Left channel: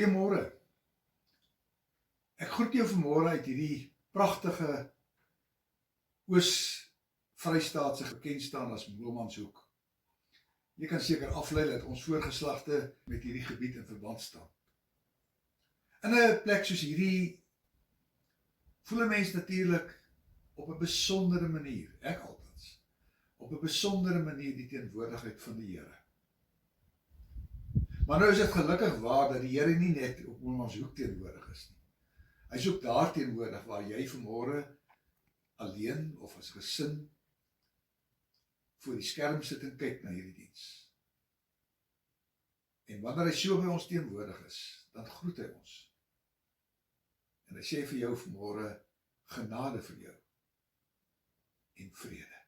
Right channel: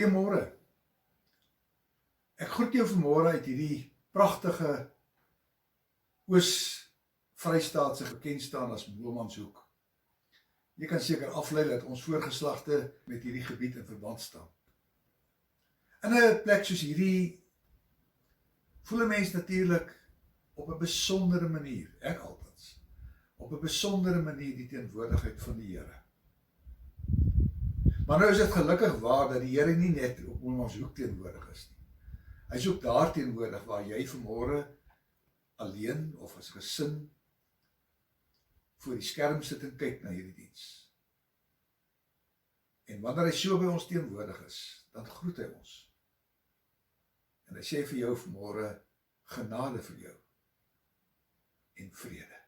Goeiemôre. Ek groet jou vanmôre uit hierdie pragtige Oos-Vrystaatse bekend staan as Bloemanshoek. Jy kan seker aflei dat ons voorgeslagte met hierdie gebied in verband staan. In 'n plek soos hierdie voel 'n mens natuurlik op 'n besondere manier, ek altens, op 'n besondere manier die teenwoordigheid van die Here. Maar nou is dit gelukkig waar dat die Here nie net op Bloemanshoek teenwoordig is nie. Hy is ook daar teenwoordig waar jy vanmôre alleen of as gesin voor die skerm sit en kyk na hierdie diens. En wanneer hy so by ons teenwoordig is, dan groet hy ons. En hy sê vir jou vanmôre genade vir jou en vrede.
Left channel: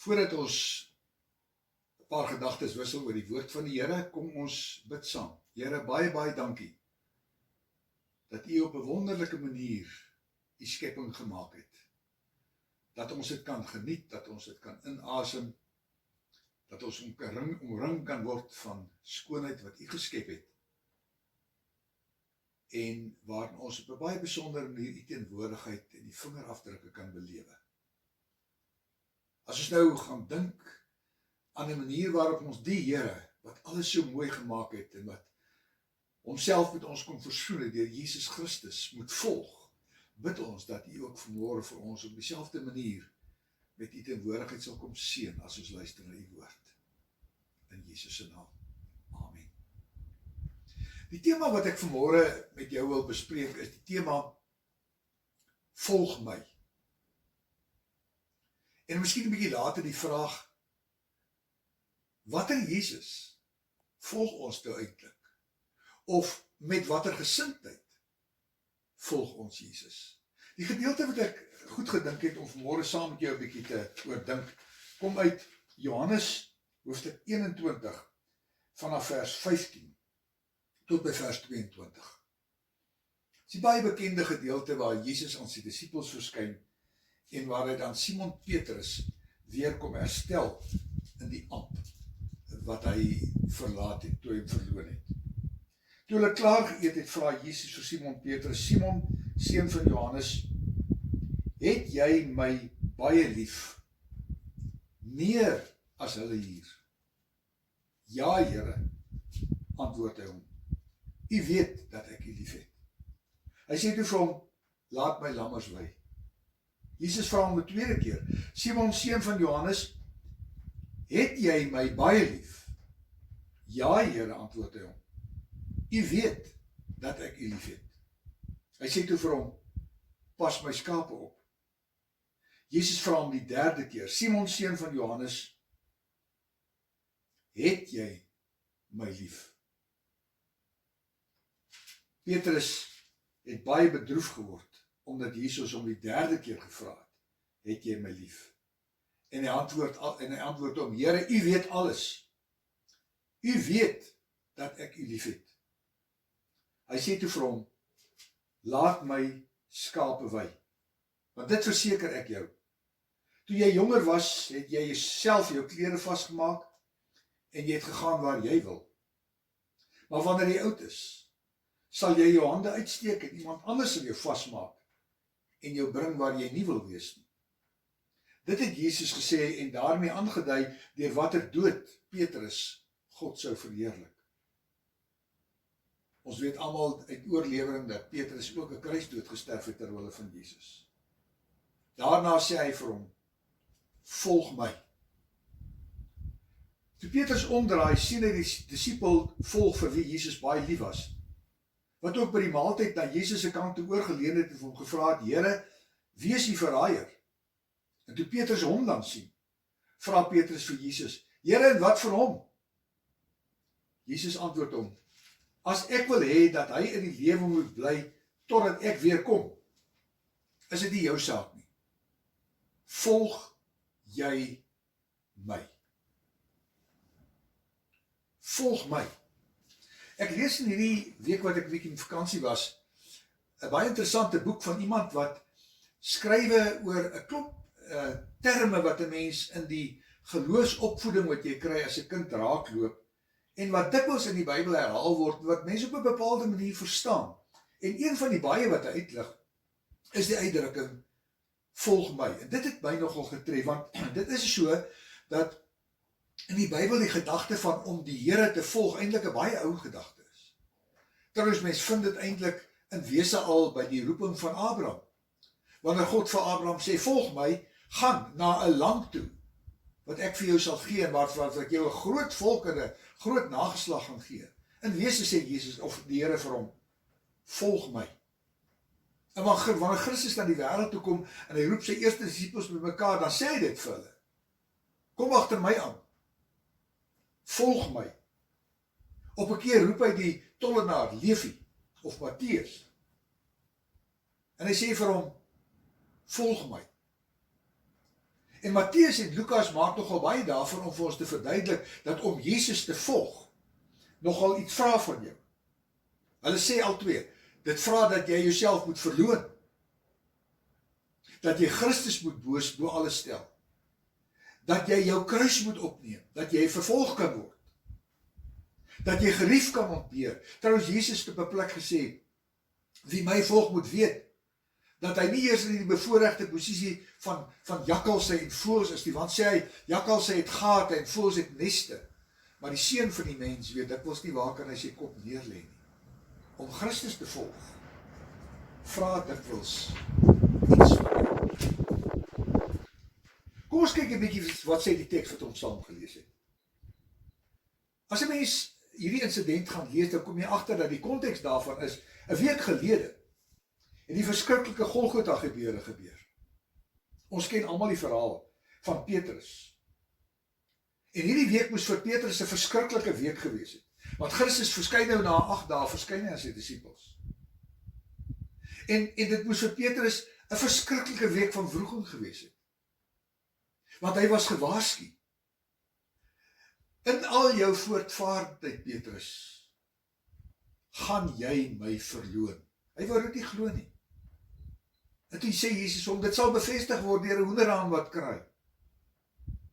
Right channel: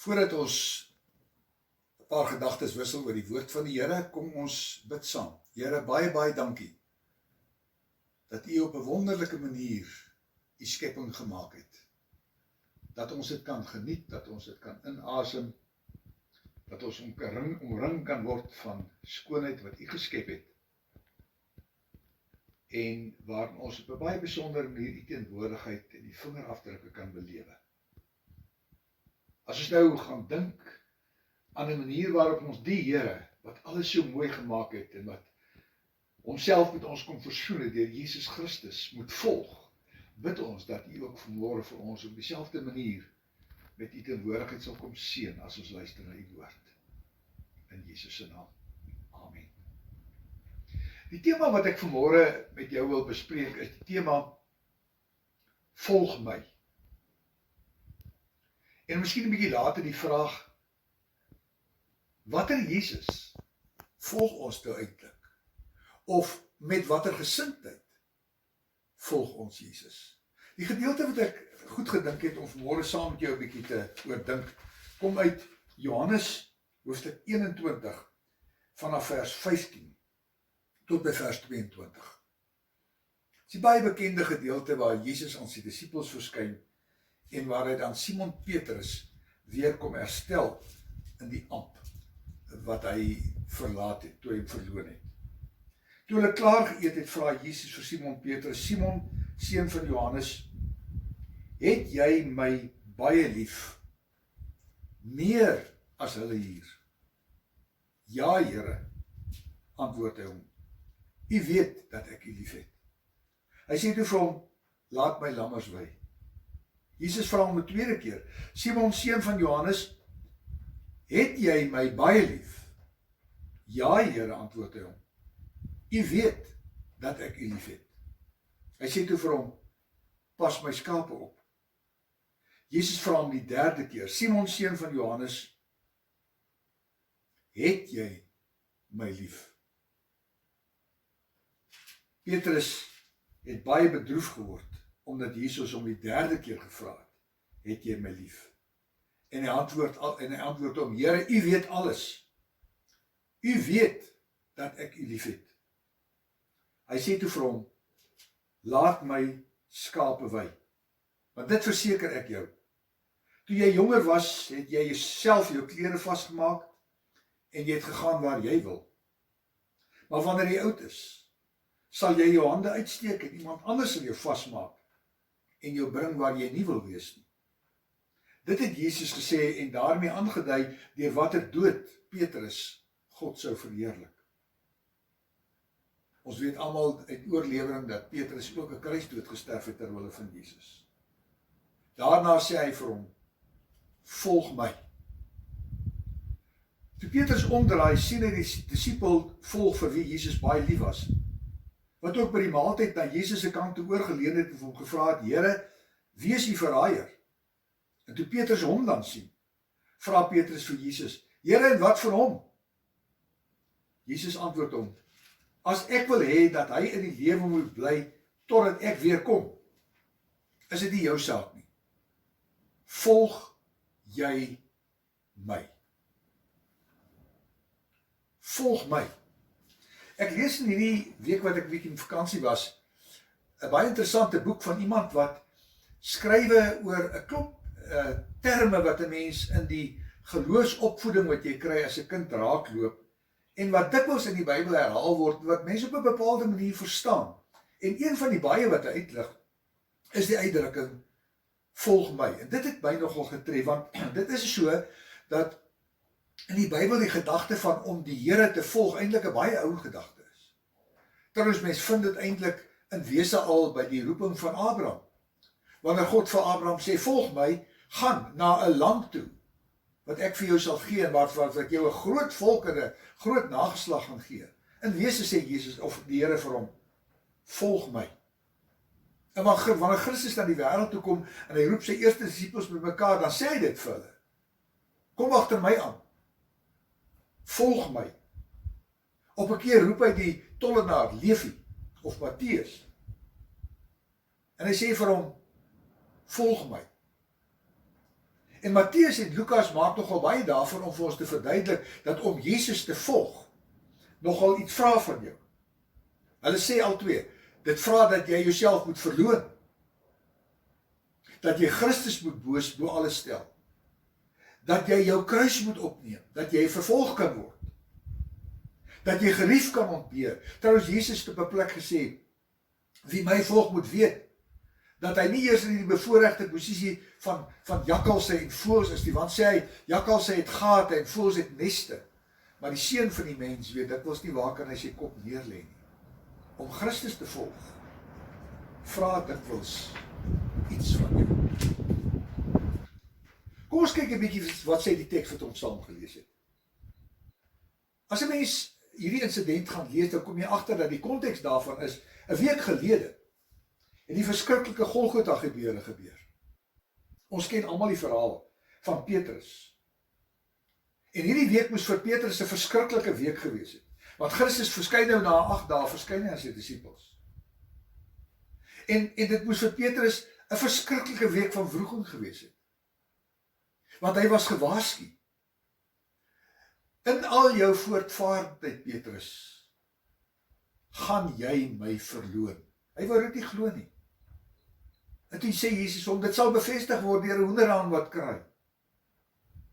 Voordat ons 'n paar gedagtes wissel oor die woord van die Here, kom ons bid saam. Here, baie dankie dat U op 'n wonderlike manier U skepping gemaak het. Dat ons dit kan geniet, dat ons dit kan inasem, dat ons omring kan word van skoonheid wat U geskep het. En waarin ons op 'n baie besondere manier U teenwoordigheid en die vingerafdrukke kan belewe. As ons nou gaan dink aan 'n manier waarop ons die Here, wat alles so mooi gemaak het en wat homself met ons kom versoen het deur Jesus Christus, moet volg, bid ons dat U ook vanmôre vir ons op dieselfde manier met U teenwoordigheid sal kom seën as ons luister na U woord. In Jesus se naam. Amen. Die tema wat ek vanmôre met jou wil bespreek is die tema volg my. En miskien 'n bietjie later die vraag, watter Jesus volg ons nou eintlik? Of met watter gesindheid volg ons Jesus? Die gedeelte wat ek goed gedink het om vanmôre saam met jou 'n bietjie te oordink, kom uit Johannes hoofstuk 21 vanaf vers 15 tot by vers 22. Dit is 'n baie bekende gedeelte waar Jesus aan sy disippels verskyn en waar hy dan Simon Petrus weer kom herstel in die amp wat hy verlaat het, toe hy hom verloon het. Toe hulle klaar geëet het, vra Jesus vir Simon Petrus, Simon, seun van Johannes, het jy my baie lief, meer as hulle hier? Ja, Here, antwoord hy hom, U weet dat ek U lief het. Hy sê toe vir hom, laat my lammers wei. Jesus vra hom 'n tweede keer, Simon, seun van Johannes, het jy my baie lief? Ja, Here, antwoord hy hom. U weet dat ek u lief het. Hy sê toe vir hom, pas my skape op. Jesus vra hom die derde keer, Simon, seun van Johannes, het jy my lief? Petrus het baie bedroef geword, omdat Jesus hom die derde keer gevra het jy my lief? En hy antwoord hom, Here, u weet alles. U weet dat ek u lief het. Hy sê toe vir hom, laat my skape wei, want dit verseker ek jou. Toe jy jonger was, het jy jouself jou klere vasgemaak, en jy het gegaan waar jy wil. Maar wanneer jy oud is, sal jy jou hande uitsteek en iemand anders sal jou vasmaak en jou bring waar jy nie wil wees nie. Dit het Jesus gesê en daarmee aangedui deur watter dood Petrus God sou verheerlik. Ons weet almal uit oorlewering dat Petrus ook 'n kruisdood gesterf het ter wille van Jesus. Daarna sê hy vir hom, volg my. Toe Petrus omdraai, sien hy die disipel volg vir wie Jesus baie lief was, wat ook by die maaltyd na Jesus se kant toe oorgeleun het en hom gevra het, Here, wie is die verraaier? En toe Petrus hom dan sien, vra Petrus vir Jesus, Here, en wat vir hom? Jesus antwoord hom, as ek wil hê dat hy in die lewe moet bly totdat ek weer kom, is dit nie jou saak nie. Volg jy my? Volg my. Ek lees in hierdie week wat ek 'n bietjie in vakansie was, 'n baie interessante boek van iemand wat skrywe oor 'n klomp terme wat 'n mens in die geloofsopvoeding wat jy kry as 'n kind raakloop, en wat dikwels in die Bybel herhaal word, wat mense op 'n bepaalde manier verstaan. En een van die baie wat hy uitlig, is die uitdrukking, volg my. En dit het my nogal getref, want dit is so, dat in die Bybel die gedagte van om die Here te volg eintlik 'n baie ou gedagte is. Trouwens, mens vind dit eintlik in wese al by die roeping van Abraham. Wanneer God vir Abraham sê, volg my, gaan na 'n land toe, wat ek vir jou sal gee, en wat jou 'n groot volk en 'n groot nageslag gaan gee. In wese sê Jesus, of die Here vir hom, volg my. En wanneer Christus na die wêreld toe kom, en hy roep sy eerste disipels bymekaar, dan sê hy dit vir hulle. Kom agter my aan. Volg my. Op 'n keer roep hy die tollenaar, Levi, of Matteus. En hy sê vir hom, volg my. En Matteus en Lukas maak nogal baie daarvan om vir ons te verduidelik, dat om Jesus te volg, nogal iets vra van jou. Hulle sê al twee, dit vra dat jy jouself moet verloon. Dat jy Christus moet bo alles stel. Dat jy jou kruis moet opneem, dat jy vervolg kan word. Dat jy gerief kan ontbeer. Trouwens, Jesus het op 'n plek gesê, wie my volg moet weet, dat hy nie eers in die bevoorregte posisie van jakkalse en voëls is nie, want sê hy, jakkalse het gate en voëls het neste, maar die seun van die mens weet, dit was nie waar kan hy sy kop neerlê nie. Om Christus te volg, vra dikwels iets van jou. Kom ons kyk 'n bietjie wat sê die teks wat ons saam gelees het. As 'n mens hierdie insident gaan lees, dan kom jy agter dat die konteks daarvan is 'n week gelede en die verskriklike Golgotha gebeure gebeur. Ons ken almal die verhaal van Petrus. En hierdie week moes vir Petrus 'n verskriklike week gewees het. Want Christus verskyn nou na 8 dae, verskyn hy aan sy disippels. En dit moes vir Petrus 'n verskriklike week van wroging gewees het. Want hy was gewaarsku. In al jou voortvarendheid, Petrus, gaan jy my verloon. Hy wou dit nie glo nie. En toe sê Jesus hom, dit sal bevestig word deur 'n hoenderhaan wat kraai.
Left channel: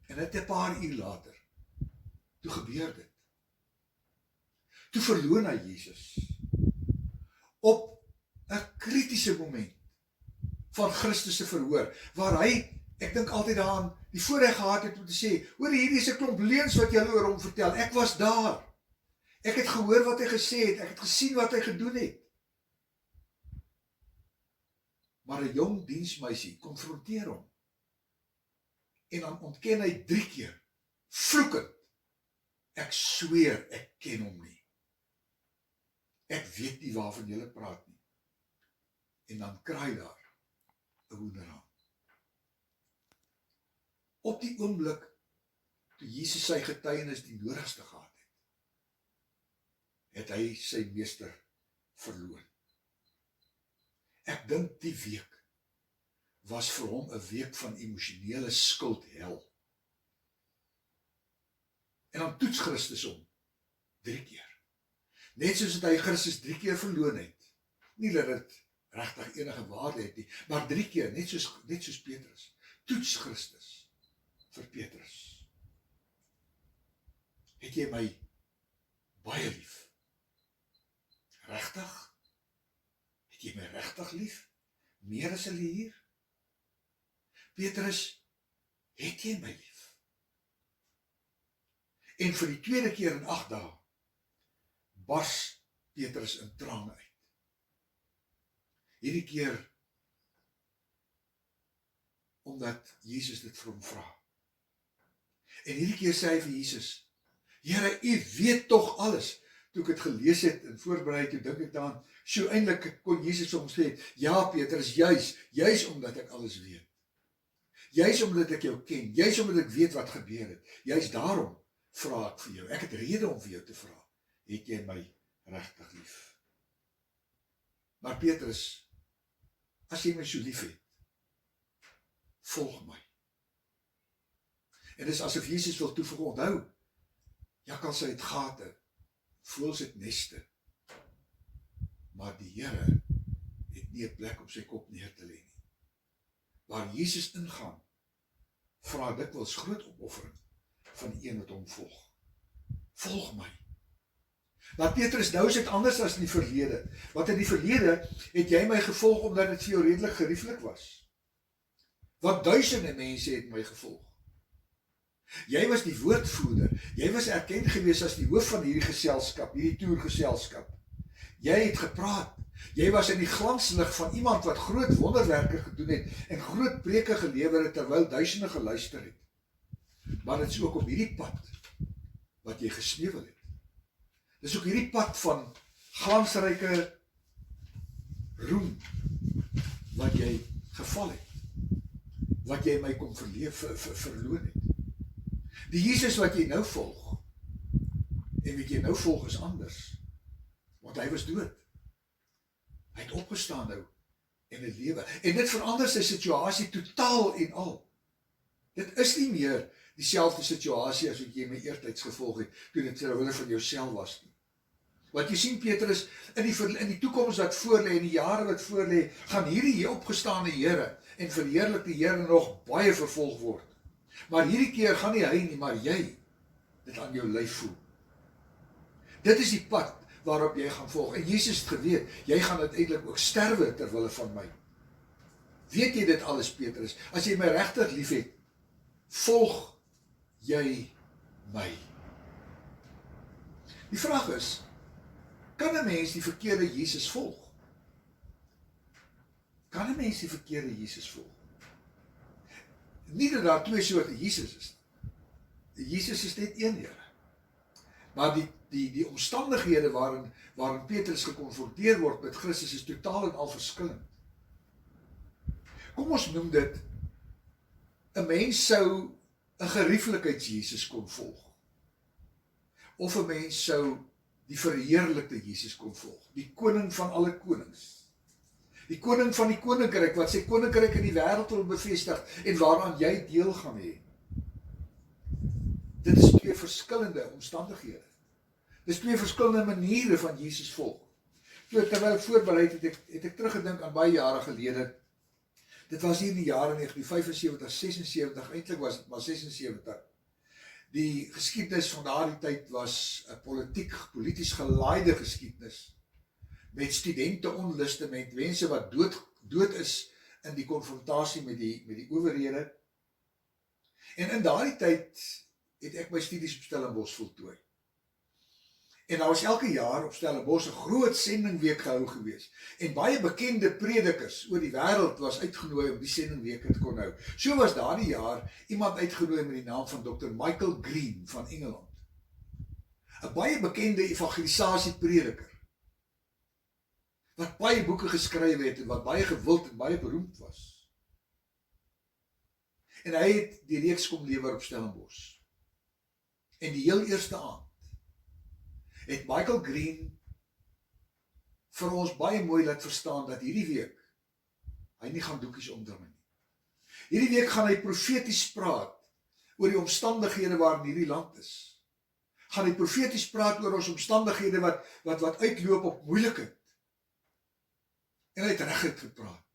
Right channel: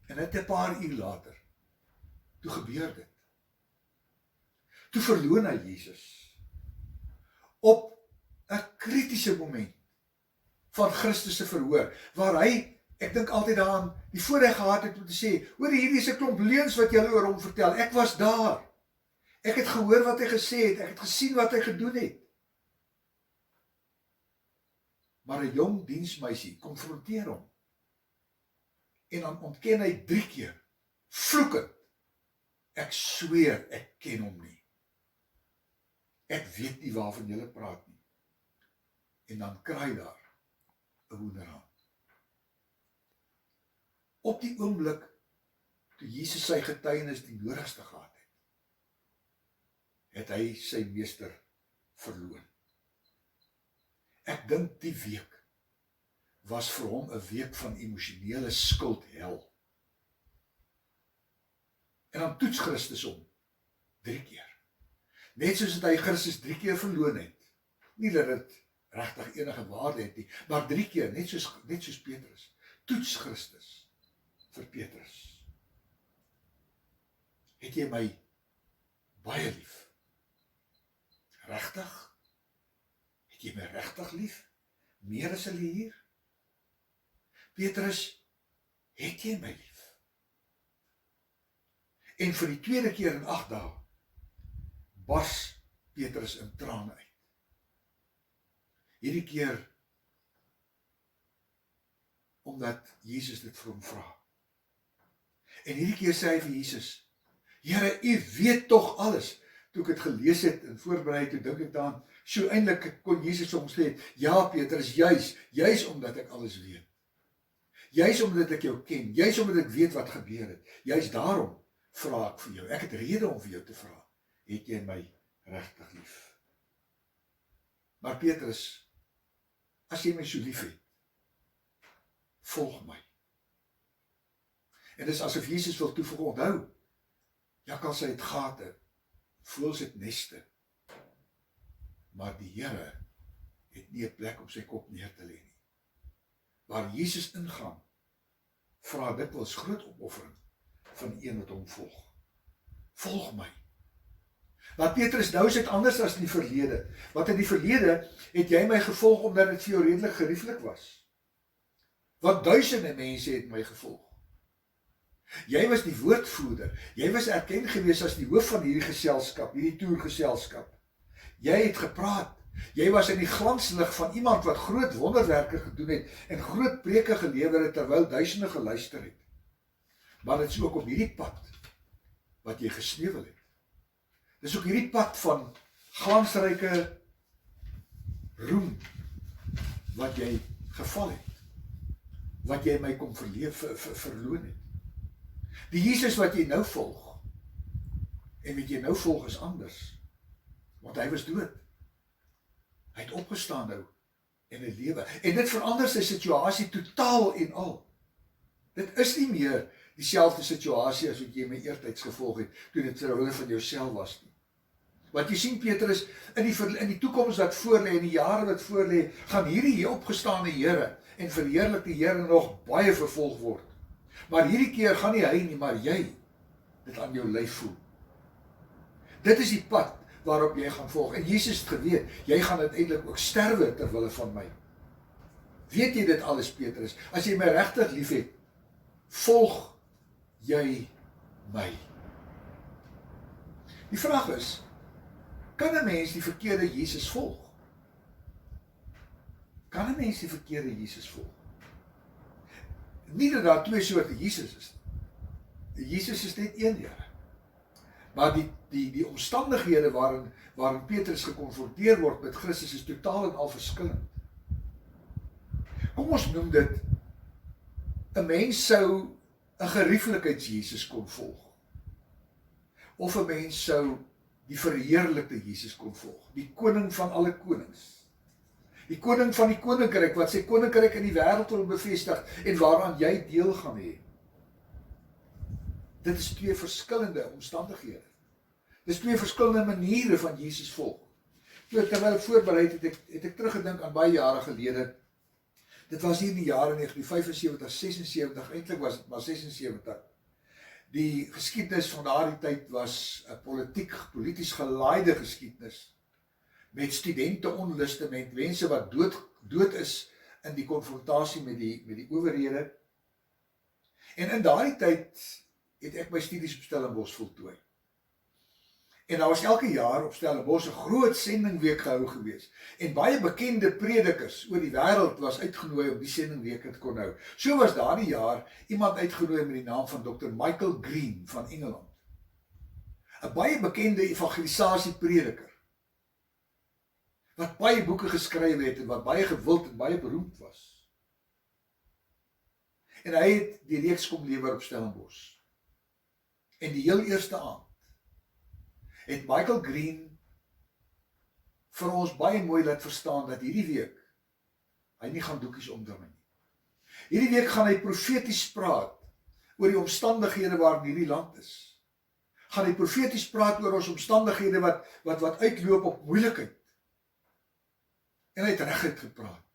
En net 'n paar uur later, toe gebeur dit. Toe verloon hy Jesus. Op 'n kritiese moment van Christus se verhoor, waar hy, ek dink altyd daaraan, die voorreg gehad het om te sê, hoor, hierdie is 'n klomp leuns wat julle oor hom vertel, ek was daar. Ek het gehoor wat hy gesê het, ek het gesien wat hy gedoen het. Maar 'n jong diensmeisie konfronteer hom. En dan ontken hy 3 keer, vloekend. Ek sweer, ek ken hom nie. Ek weet nie waarvan julle praat nie. En dan kraai daar 'n hoenderhaan. Op die oomblik toe Jesus sy getuienis die nodigste gehad het hy sy meester verloon. Ek dink die week was vir hom 'n week van emosionele skuldhel. En dan toets Christus hom 3 keer. Net soos hy Christus 3 keer verloon het. Nie dat dit regtig enige waarde het nie, maar 3 keer, net soos Petrus, toets Christus vir Petrus. Het jy my baie lief? Regtig? Het jy my regtig lief? Meer as hulle hier? Petrus, het jy my lief? En vir die tweede keer in 8 dae bars Petrus in trane uit. Hierdie keer omdat Jesus dit vir hom vra. En hierdie keer sê hy vir Jesus, Here, U weet tog alles. Toe ek het gelees het en voorberei, toe dink ek daaraan, so eintlik kon Jesus vir hom sê, ja Petrus, juis omdat ek alles weet. Juis omdat ek jou ken, juis omdat ek weet wat gebeur het. Juis daarom vra ek vir jou. Ek het rede om vir jou te vra. Het jy my regtig lief? Maar Petrus, as jy my so lief het, volg my. En dis asof Jesus wil toevoeg, onthou, jakkals het gate, voëls het neste, maar die Here het nie 'n plek op sy kop neer te lê nie. Waar Jesus ingaan, vra dikwels groot opoffering van die een wat hom volg. Volg my. Maar Petrus, nou is dit anders as in die verlede. Want in die verlede het jy my gevolg omdat dit vir jou redelik gerieflik was. Want duisende mense het my gevolg. Jy was die woordvoerder. Jy was erken gewees as die hoof van hierdie geselskap, hierdie toergeselskap. Jy het gepraat. Jy was in die glanslig van iemand wat groot wonderwerke gedoen het en groot preke gelewer het terwyl duisende geluister het. Maar dit is ook op hierdie pad wat jy gesneuwel het. Dis ook hierdie pad van glansryke roem wat jy geval het. Wat jy my kom verloon het. Die Jesus wat jy nou volg, en wat jy nou volg is anders, want hy was dood. Hy het opgestaan nou, en hy lewe, en dit verander sy situasie totaal en al. Dit is nie meer dieselfde situasie as wat jy my eertyds gevolg het, toe dit terwille van jouself was nie. Want jy sien Petrus, in die toekoms wat voorlê, in die jare wat voorlê, gaan hierdie opgestaande Here, en verheerlik die Here nog baie vervolg word. Maar hierdie keer gaan nie hy nie, maar jy dit aan jou lyf voel. Dit is die pad waarop jy gaan volg. En Jesus het geweet, jy gaan uiteindelik ook sterwe terwille van my. Weet jy dit alles, Petrus? As jy my regtig lief het, volg jy my. Die vraag is, kan 'n mens die verkeerde Jesus volg? Kan 'n mens die verkeerde Jesus volg? Nie dat daar 2 soorte Jesus is. Jesus is net een Here. Maar die omstandighede waarin Petrus gekonfronteer word met Christus is totaal en al verskillend. Kom ons noem dit, 'n mens sou 'n gerieflikheids-Jesus kon volg. Of 'n mens sou die verheerlikte Jesus kon volg. Die koning van alle konings. Die koning van die koninkryk, wat sy koninkryk in die wêreld wil bevestig, en waaraan jy deel gaan hê. Dit is 2 verskillende omstandighede. Dit is 2 verskillende maniere van Jesus volg. Terwyl ek voorberei het ek teruggedink aan baie jare gelede. Dit was hier in die jare 1975, 76, eintlik was dit maar 76. Die geskiedenis van daardie tyd was 'n polities gelaaide geskiedenis. Met studente onluste, met mense wat dood is in die konfrontasie met die owerhede. En in daardie tyd het ek my studies op Stellenbosch voltooi. En daar was elke jaar op Stellenbosch 'n groot sendingweek gehou gewees. En baie bekende predikers oor die wêreld was uitgenooi om die sendingweke te kon hou. So was daardie jaar iemand uitgenooi met die naam van Dr. Michael Green van Engeland. 'n Baie bekende evangelisasieprediker wat baie boeke geskryf het en wat baie gewild en baie beroemd was. En hy het die reeks kom lewer op Stellenbosch. En die heel eerste aand het Michael Green vir ons baie mooi laat verstaan dat hierdie week hy nie gaan doekies omdraai nie. Hierdie week gaan hy profeties praat oor die omstandighede waarin hierdie land is. Gaan hy profeties praat oor ons omstandighede wat uitloop op moeilikheid. En hy het reguit gepraat.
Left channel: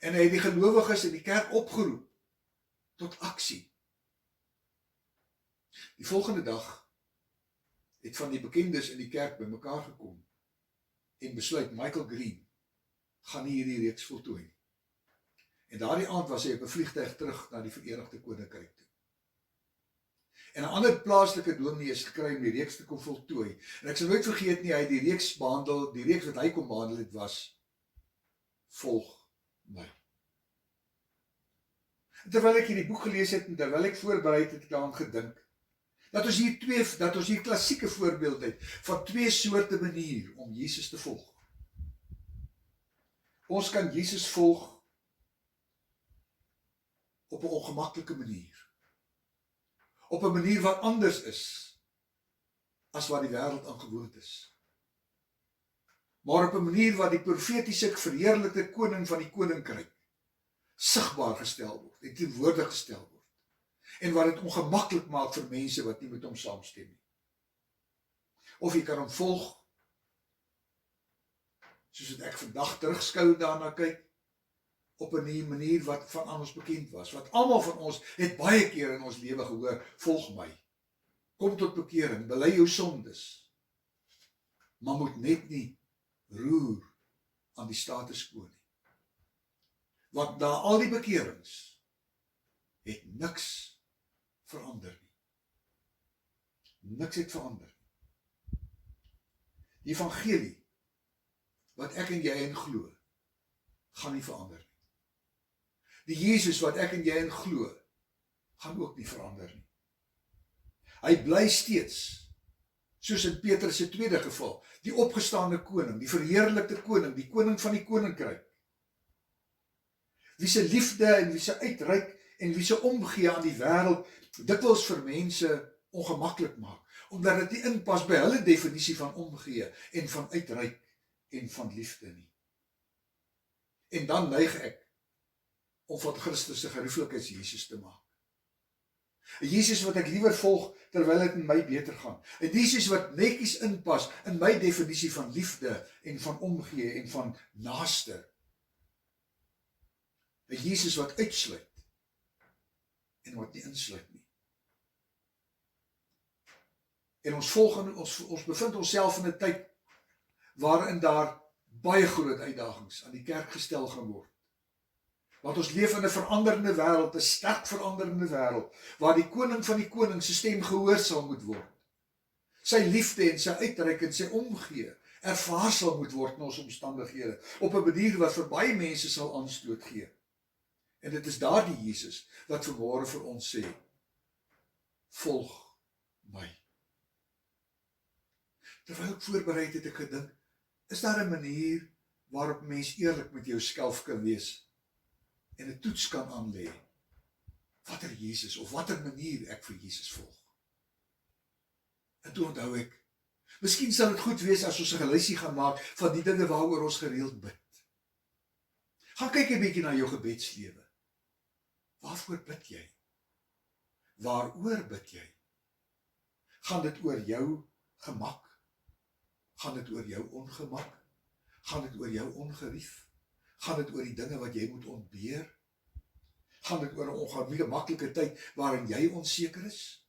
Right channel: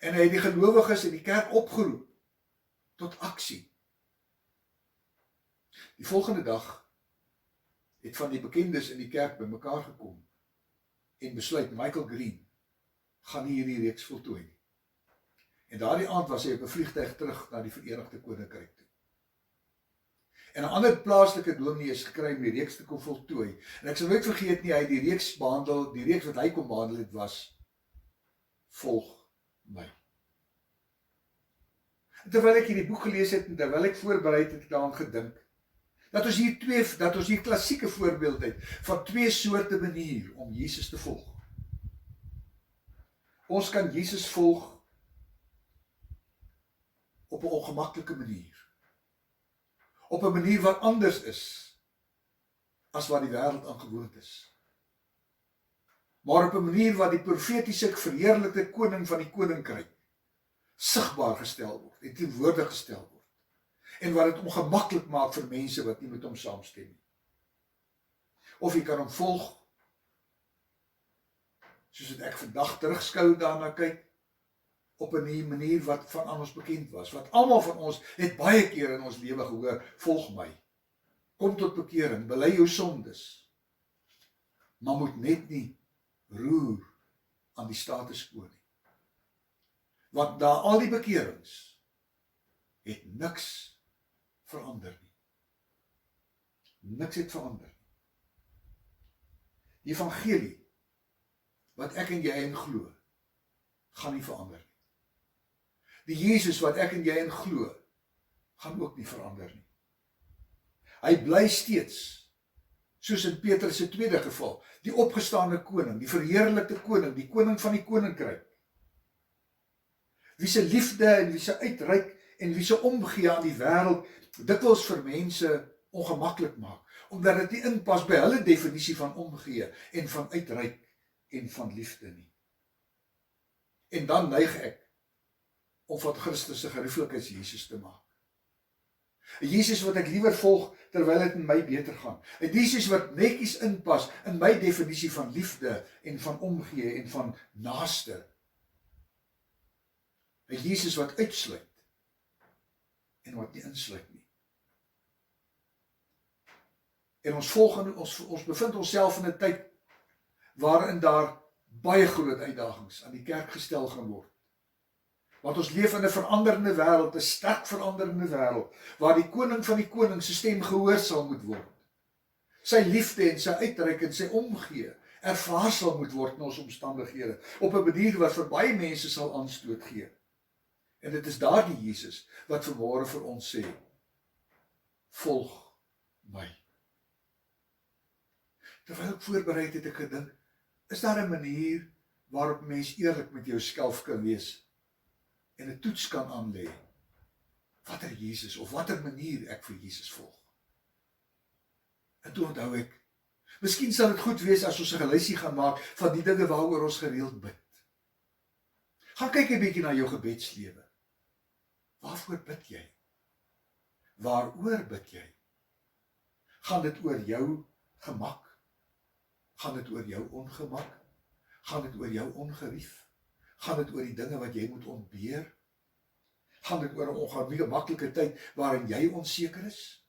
En hy het die gelowiges in die kerk opgeroep tot aksie. Die volgende dag het van die bekendes in die kerk bymekaar gekom en besluit Michael Green gaan nie hierdie reeks voltooi nie. En daardie aand was hy op 'n vliegtuig terug na die Verenigde Koninkryk toe. En 'n ander plaaslike dominee is gekry om die reeks te kom voltooi. En ek sal nooit vergeet nie, hy het die reeks behandel, die reeks wat hy kom behandel het was Volg my. En terwyl ek hierdie boek gelees het en terwyl ek voorberei het, ek daaraan gedink dat ons hier klassieke voorbeeld het van twee soorte manier om Jesus te volg. Ons kan Jesus volg op 'n ongemaklike manier. Op 'n manier wat anders is as wat die wêreld aangewoond is. Maar op 'n manier wat die profetiese verheerlikte koning van die koninkryk sigbaar gestel word en teenwoordig gestel word. En wat dit ongemaklik maak vir mense wat nie met hom saamstem nie. Of jy kan hom volg, soos wat ek vandag terugskou daarna kyk, op 'n manier wat van aan ons bekend was, wat almal van ons het baie keer in ons lewe gehoor, volg my, kom tot bekering, bely jou sondes, maar moet net nie roer aan die status quo nie. Want na al die bekerings het niks verander nie. Niks het verander nie. Die evangelie wat ek en jy in glo, gaan nie verander nie. Die Jesus wat ek en jy in glo, gaan ook nie verander nie. Hy bly steeds, soos in Petrus se tweede geval, die opgestaane koning, die verheerlikte koning, die koning van die koninkryk. Wie se liefde en wie se uitreik en wie se omgee aan die wêreld dikwels vir mense ongemaklik maak, omdat dit nie inpas by hulle definisie van omgee en van uitreik en van liefde nie. En dan neig ek om van Christus se gerieflikheid Jesus te maak. 'n Jesus wat ek liewer volg terwyl dit in my beter gaan. 'n Jesus wat netjies inpas in my definisie van liefde en van omgee en van naaste. 'n Jesus wat uitsluit en wat nie insluit nie. En ons bevind onsself in 'n tyd waarin daar baie groot uitdagings aan die kerk gestel gaan word. Want ons leef in 'n veranderende wêreld, 'n sterk veranderende wêreld, waar die koning van die koning se stem gehoor sal moet word. Sy liefde en sy uitreik en sy omgee ervaar sal moet word in ons omstandighede, op 'n manier wat vir baie mense sal aanstoot gee. En dit is daardie Jesus wat vanmôre vir ons sê, volg my. Terwyl ek voorberei het ek gedink, is daar 'n manier waarop mens eerlik met jouself kan wees en 'n toets kan aanlê, watter Jesus of watter manier ek vir Jesus volg. En toe onthou ek, miskien sal dit goed wees as ons 'n geluisie gaan maak van die dinge waaroor ons gereeld bid. Gaan kyk 'n bietjie na jou gebedslewe. Waarvoor bid jy? Waaroor bid jy? Gaan dit oor jou gemak? Gaan dit oor jou ongemak? Gaan dit oor jou ongerief? Gaan dit oor die dinge wat jy moet ontbeer? Gaan dit oor 'n ongemaklike tyd waarin jy onseker is?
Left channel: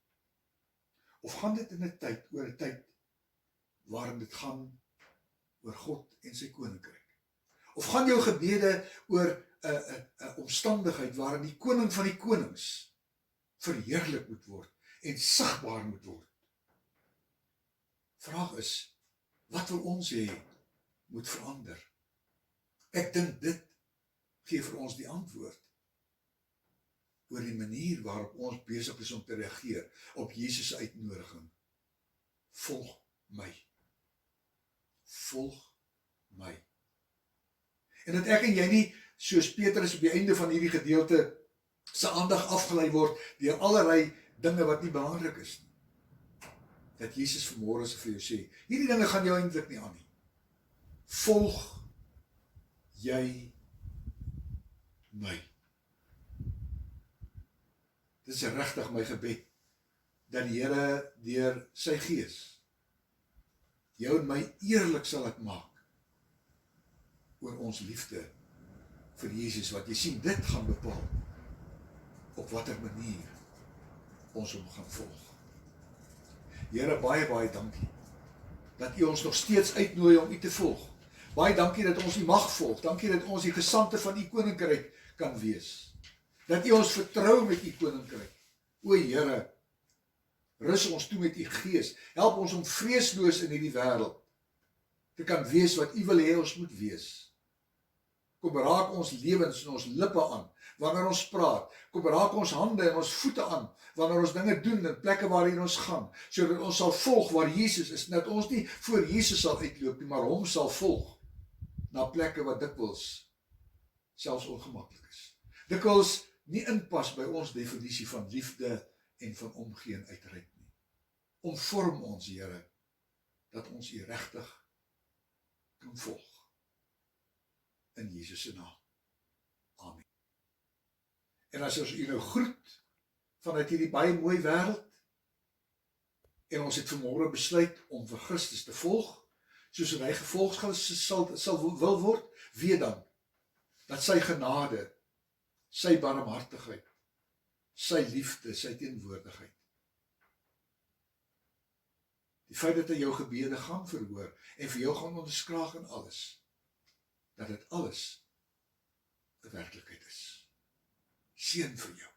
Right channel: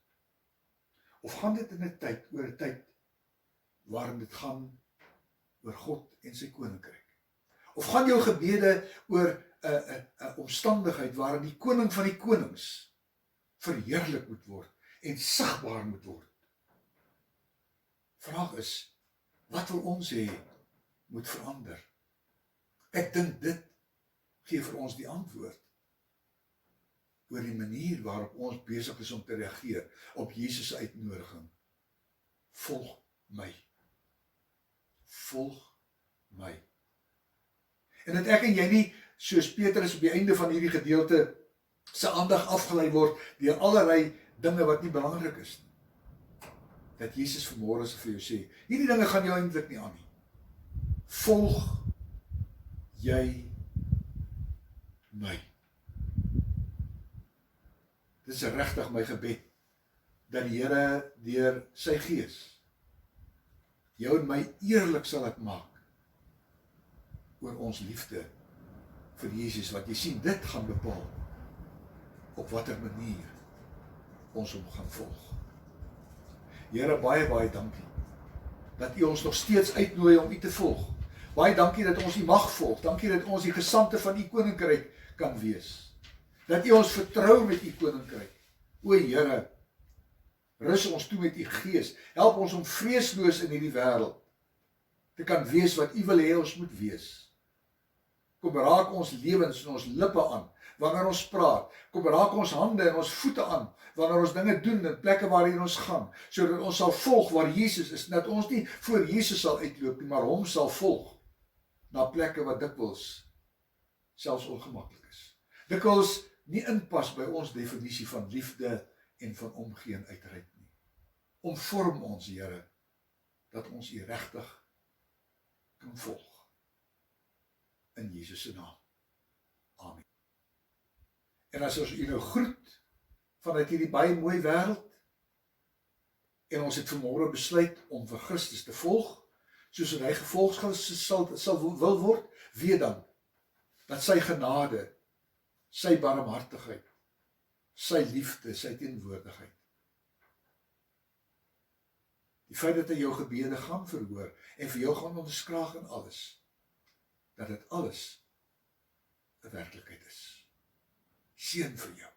Of gaan dit in 'n tyd, oor 'n tyd waarin dit gaan oor God en sy koninkryk? Of gaan jou gebede oor 'n omstandigheid waarin die koning van die konings verheerlik moet word en sigbaar moet word Vraag is, wat wil ons hê moet verander? Ek dink dit gee vir ons die antwoord oor die manier waarop ons besig is om te reageer op Jesus se uitnodiging. Volg my. Volg my. En dat ek en jy nie, soos Petrus op die einde van hierdie gedeelte, sy aandag afgelei word deur allerlei dinge wat nie belangrik is nie. Dat Jesus vanmôre vir jou sê, hierdie dinge gaan jou eintlik nie aan nie. Volg jy my. Dit is regtig my gebed, dat die Here deur sy Gees jou en my eerlik sal laat maak oor ons liefde vir Jesus, wat jy sien, dit gaan bepaal op watter manier ons hom gaan volg. Here, baie dankie dat U ons nog steeds uitnooi om U te volg. Baie dankie dat ons U mag volg. Dankie dat ons die gesandte van U koninkryk kan wees. Dat U ons vertrou met U koninkryk. O Here, rus ons toe met U Gees. Help ons om vreesloos in hierdie wêreld te kan wees wat U wil hê ons moet wees. Kom raak ons lewens en ons lippe aan wanneer ons praat. Kom raak ons hande en ons voete aan wanneer ons dinge doen in plekke waarheen ons gaan, sodat ons sal volg waar Jesus is, dat ons nie voor Jesus sal uitloop nie, maar hom sal volg na plekke wat dikwels selfs ongemaklik is. Dikwels nie inpas by ons definisie van liefde en van omgee en uitreik nie. Omvorm ons, Here, dat ons U regtig kan volg. In Jesus se naam. Amen. En as ons U nou groet vanuit hierdie baie mooi wêreld, en ons het vanmôre besluit om vir Christus te volg, soos hy gevolg sal wil word, weet dan dat sy genade, sy barmhartigheid, sy liefde, sy teenwoordigheid, die feit dat hy jou gebede gaan verhoor en vir jou gaan onderskraag in alles, dat dit alles 'n werklikheid is. Seën vir jou.